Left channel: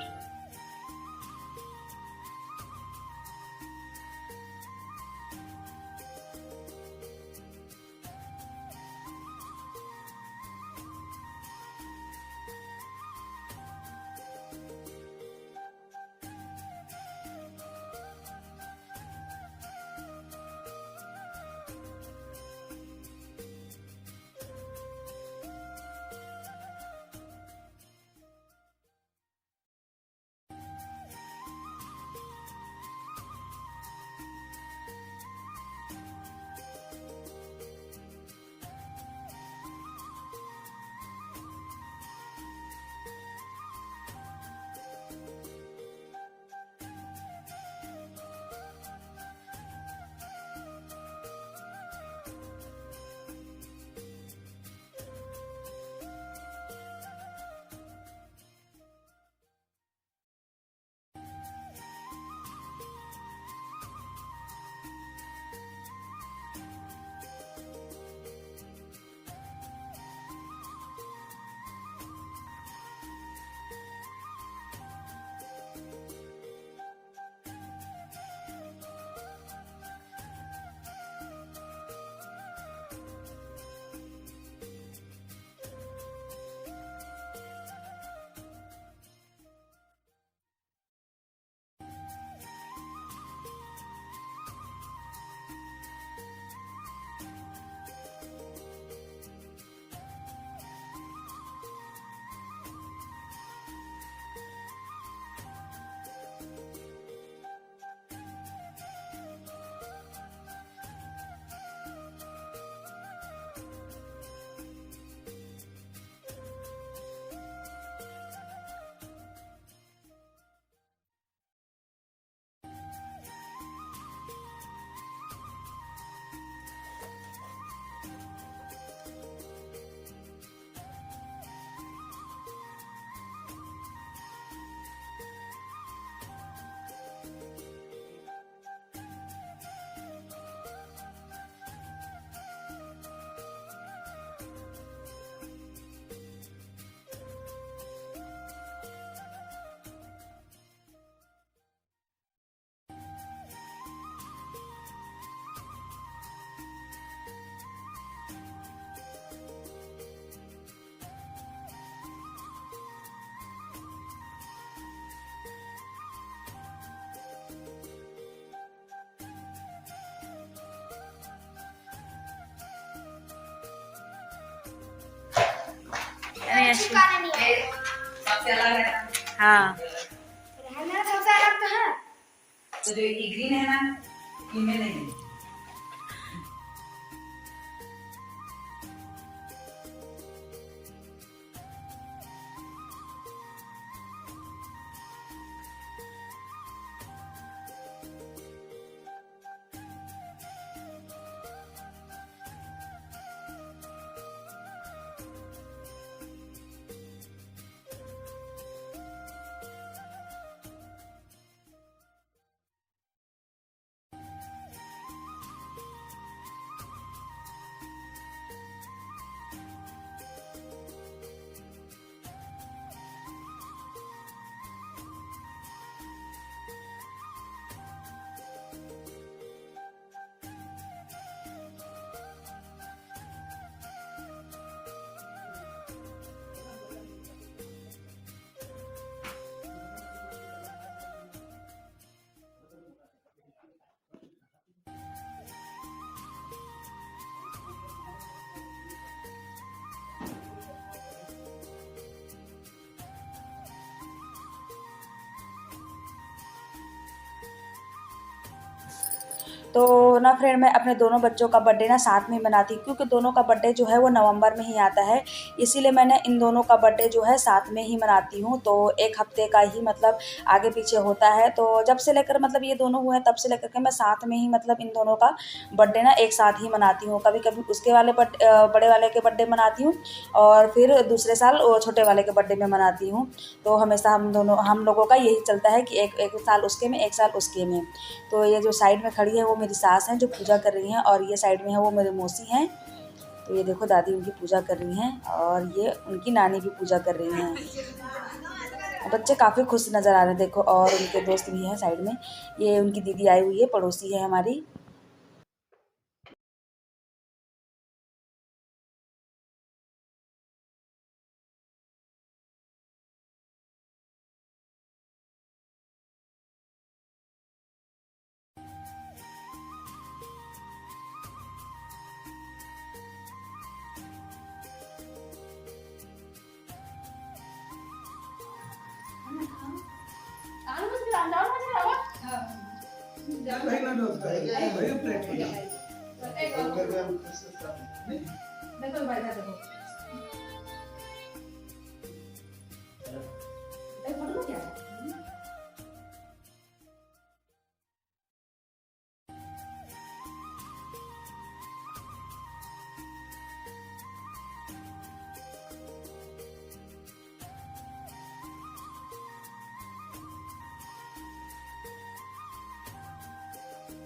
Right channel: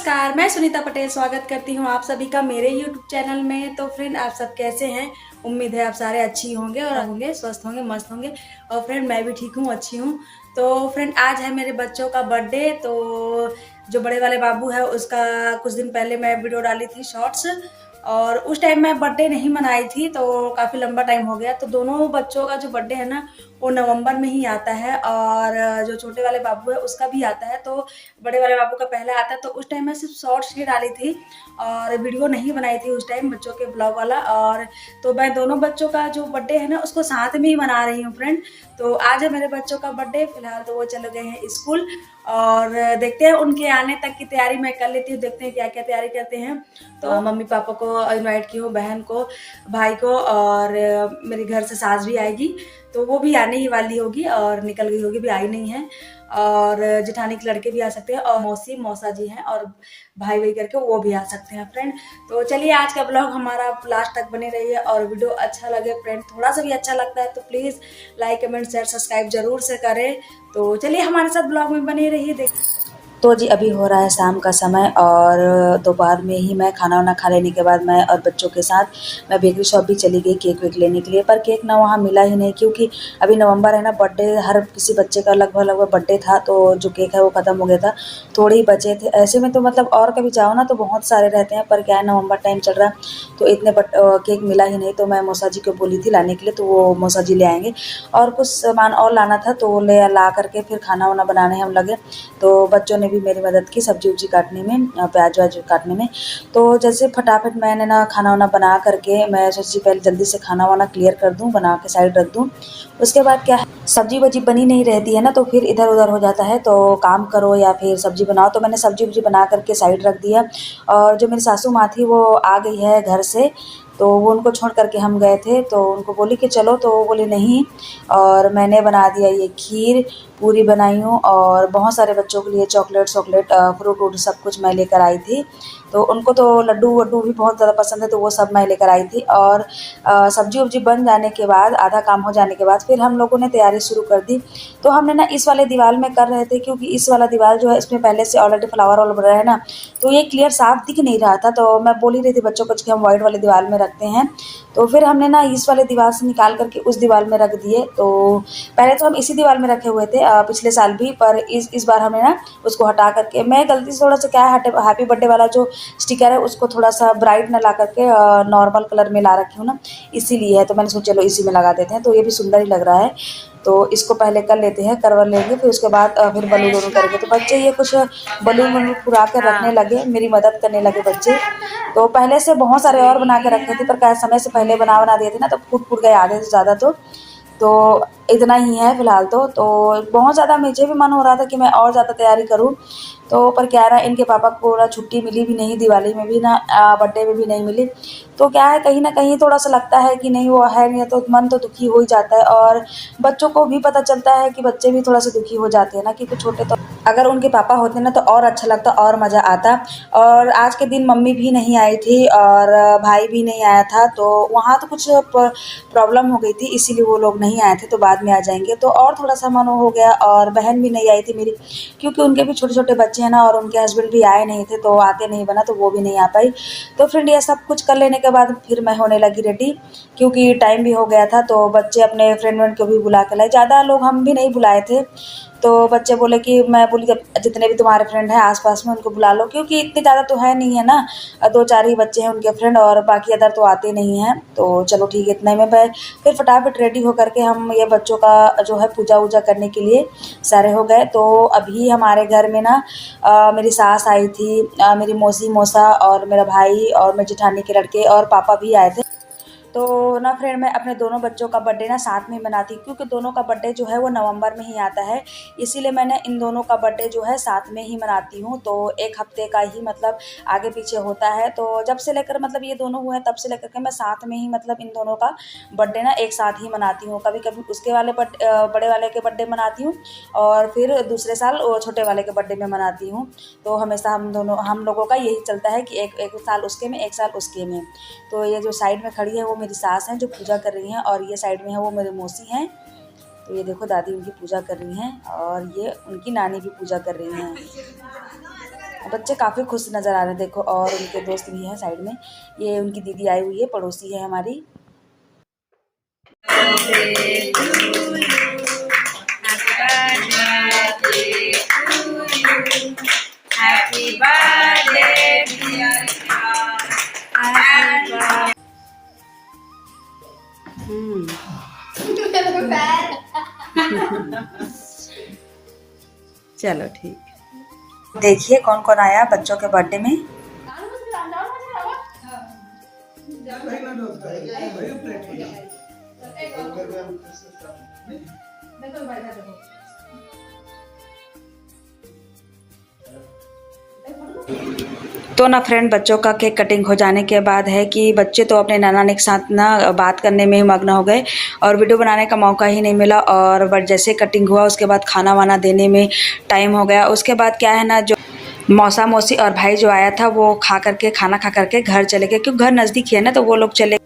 नमस्कार, मैं सुनीता पटेल स्वागत करती हूँ आप सभी का मेरे YouTube चैनल में। तो फ्रेंड, आप सब कैसे हैं? उम्मीद है आप सारे अच्छी होंगे और होंगे, स्वस्थ होंगे, मस्त होंगे। और फ्रेंड, मैं भी ठीक हूँ, अच्छी हूँ। तो फ्रेंड, आज है मेरे बच्चों का बर्थडे। तो जो बड़े वाले बाबू है उसका कुछ दिन पहले मैं वीडियो डाली थी शॉर्ट्स, और उस टाइम मैं बर्थडे नहीं मनाई थी, तो काफ़ी लंबा टाइम हो गया। तो दोनों बच्चों का जो बर्थडे है ना वो नवंबर में ही आता है, और जो छोटे वाले बाबू है उसका भी आता है। तो बड़े वाले बाबू का पहले आता है। तो उस टाइम मैं सिर्फ शॉर्ट्स ही डाली थी और वीडियो नहीं बनाई थी उस टाइम, बच्चों के ब्लॉग वाला। और तो मैं दोनों बच्चों का जो बर्थडे है ना उसको साथ में ही मना रही हूँ फ्रेंड। तो आज है मेरे बच्चों का बर्थडे। फिलहाल तो वो चले गए हैं स्कूल, और देखते हैं उनके आने तक की तैयारी मैं कर लेती हूँ। देखते हैं क्या क्या तैयारी करते हैं। तो मम्मी पापा को इनवाइट की हूँ, बहन को, भाई को, और मेरे घर से सास भी आएगी। तो वो भी आने ही वाली होगी और निकल गई होगी, भी आई नहीं है। और जेठानी के लड़के भी आ सकते हैं, और मौसी मौसा जी हैं, और भाई भाई करके वो भी आ सकते हैं फ्रेंड। तो चलिए, आज का ब्लॉग हमारा लास्ट तक बने रहिए, और वीडियो अच्छा लगे फ्रेंड, थोड़ा सा भी अच्छा लगता है तो please like comment share subscribe जरूर से करें। तो चलिए, हमारे साथ ब्लॉग में बने रहिए। देख तो जी, अभी हो रहा है शाम का समय, और दोपहर में ही मैं खाना वाना खा लेने के बाद मैं और बच्चों के साथ मैं बेकरी शॉप भी चली गई केक वेक लेने के लिए। पर केक ना वहाँ मिला ही नहीं, क्योंकि अभी नवंबर है ना, बर्थडे हर किसी बच्चे का लगभग बर्थडे था, तो जो केक है वो ख़त्म हो गया था, थोड़े ही बचे थे। ऐसे में तो मतलब और कभी जाओ ना तो बहुत सारे रहते हैं, पर क्या है नवंबर टाइम चल रहा है तो इतने केक मिला ही नहीं। तो मैं मौसा जी को बोली थी लाने के लिए, तो वो मौसा जी ले आएंगे। और कुछ सामान और लाना था, तो ले ला करके फिर खाना वाना बनाने हम लगे। तो बच्चों ने भी मेरी मदद की सब्जी उब्जी काटने में, प्याज व्याज काटने में। तो जैसे फटाफट मैंने ना खाना वाना बना करके मैं सोची पहले जल्दी से खाना वाना क्लियर कर दूं, बना के साइड रख दूं। उसके बाद क्या है, सब्जी वब्जी बनी नहीं रहती है ना, तो फिर इधर उधर हो जाता है। तो काम करो या फिर सब्जी बनाओ, तो मैंने सब्जी वब्जी बना करके साइड रख दिया। और जो मेरी सासू माँ थी वो आ गई है घर से, तो वो उनको छोड़ करके हम गए थे। तो उनको बोली कि चलो, तो वो बोली नहीं। और मैंने बना दिया ये खीर, पूरी बनाई हूँ, और बहुत सारे बच्चों के लिए चॉकलेट फ्रूट व्रूट सब कुछ मैं लेकर आई थी। तो उनको तो लड्डू वड्डू भी बहुत ज़्यादा पसंद है, तो वो सब मैं लेकर आई थी। और सब्जी उब्जी बन जाने के बाद, आधा काम हो जाने के बाद, फिर हम लोगों ने तैयारी शुरू कर दी। तो हमने ना इस वाले दीवार में कर रहे थे, क्योंकि इस वाला दीवार जो है इसमें पहले से ऑलरेडी फ्लावर वाला बना है ना, तो ये क्लियर साफ दिख नहीं रहा था। तो मैं बोल ही रही थी बच्चों को कि हम व्हाइट वाले दीवार में रखते हैं। तो फिर हमने ना इस वाले दीवार से निकाल करके उस दीवार में रख दिए। तो पहले तो हम इसी दीवार में रखे हुए थे पिछले साल भी, पर इस बार हमने ना उसको हटा करके, मैं गलती से थोड़ा सा क्या है, हैप्पी बर्थडे वाला जो स्टिकर है उसको थोड़ा सा ब्राइट न ला करके नॉर्मल कलर में ला रखी हूँ ना, इसीलिए है। तो मैंने सोचा चलो इसी में लगा देते हैं, तो ये भी सुंदर ही लग रहा है। तो इसको पहले कर लेते हैं, करवा लेंगे, फिर उसके बाद फिर बलून वलून करेंगे। तो बच्चे ये कुछ बलून वलून फुरा कर रखने लगे, मेरी मदद करने लगे बच्चे। तो पहले से बहुत सारे और बना के रखे थे, पर क्या समय से पहले बना दिए थे ना, तो फूट गए आधे से ज़्यादा। तो इतना ही है फिलहाल। तो बहुत ज़्यादा मुझे भी मन हो रहा था कि मैं और ज़्यादा तैयारी करूं। तो पर क्या है ना, इनके पापा को ना छुट्टी मिली भी नहीं, दिवाली में भी ना, बर्थडे में भी नहीं मिली। तो क्या है, कहीं ना कहीं थोड़ा सा लगता है कि नहीं वो है नहीं, तो मन तो दुखी हो ही जाता है। और बच्चों को भी पता चलता है कि बच्चे भी थोड़ा सा दुखी हो जाते हैं ना, क्योंकि छोटे तो अगर उनके पापा होते ना तो और अच्छा लगता, और मज़ा आता। और आज के दिन मम्मी भी नहीं आई थी और भाई भी नहीं आया था, तो वहाँ तो कुछ प्रॉब्लम हो गई थी, इसीलिए वो लोग नहीं आए थे। तो बाद में आ जाएंगे, तो और थोड़ा सा मन हो गया। और बहन भी नहीं आई थी मेरी, क्योंकि उनके भी छोटे छोटे बच्चे हैं ना, और उनके हस्बैंड भी आए नहीं थे, तो आते नहीं बना, तो वो भी नहीं आ पाई। तो फ्रेंड, ये सब कुछ कर लेने के बाद फिर मैं होने लगी रेडी, क्योंकि टाइम भी हो गया था। तो बच्चे अपने फ्रेंड व्रेंड को भी बुला के लाए, ज़्यादा लोग हम भी नहीं बुलाए थे। तो बच्चे बोले कि, मैं बोली जब जितने भी तुम्हारे फ्रेंड हैं आसपास में उनको बुला लो, क्योंकि इतने ज़्यादा तो है नहीं है ना, दो चार ही बच्चे हैं उनके फ्रेंड, और बाकी अदर तो आते नहीं हैं। तो चलो ठीक है, इतने में मैं फिर फटाफट रेडी होकर के हम ये बच्चों का जो है पूजा वूजा करने के लिए सारे हो गए। तो अभी हमारे घर में ना मेरी सास आई थी, मेरी मौसी मौसा और मेरा भाई और मेरी जेठानी के लड़के और पापा भी आए थे। तो ना फ्रेंड, मैं अपने दोनों बच्चों का बर्थडे ना साथ में मनाती हूँ, क्योंकि दोनों का बर्थडे जो है वो नवंबर में ही आता है, इसीलिए मैंने इन दोनों का बर्थडे जो है साथ में ही मनाती हूँ। तो एक हफ्ते का ही मतलब आगे पीछे होता है। तो जब से लेकर मतलब ये दोनों हुए तब से लेकर के मैं साथ में ही मतलब इन दोनों का बर्थडे ना एक साथ ही मनाती हूँ। कभी कभी उसके वाले बड़े वाले के बर्थडे मनाती हूँ, और फिर दूसरे साल वो छोटे वाले के बर्थडे में मनाती हूँ। तो हमेशा हम लोगों का यही चलता है कि एक साल उसके में, एक साल उसके में। तो ये जो साइड में खड़ी है वो मेरी सास हैं जो पूजा कर रही हैं, और ये साइड में है वो मेरी मौसी हैं। तो ये देखो, दादी उनकी पूजा कर रही हैं, और ये उनकी नानी भी पूजा कर रही हैं। बच्चे काफ़ी खुश नज़र आ रहे हैं देखो, और उनके दोस्त भी हैं साइड में। ये उनकी दीदी आई हुई है, पड़ोसी है हमारी। चलो ठीक। देखिए कौन कौन आया बच्चों के बर्थडे में। तो ना फ्रेंड, बच्चों का केक कटिंग हो जाने के बाद है कि बच्चे तो अपने नाना के साथ ना बात करने में ही मग्न हो गए और वीडियो बनाने का मौका ही नहीं मिला। और बट जैसे कटिंग हुआ उसके बाद खाना वाना देने में टाइम हो गया। उसके बाद क्या है ना, जो मौसा मौसी और भाई जो आया था वो खाना खा करके घर चले गए, क्योंकि घर नज़दीक है ना, तो वो लोग चले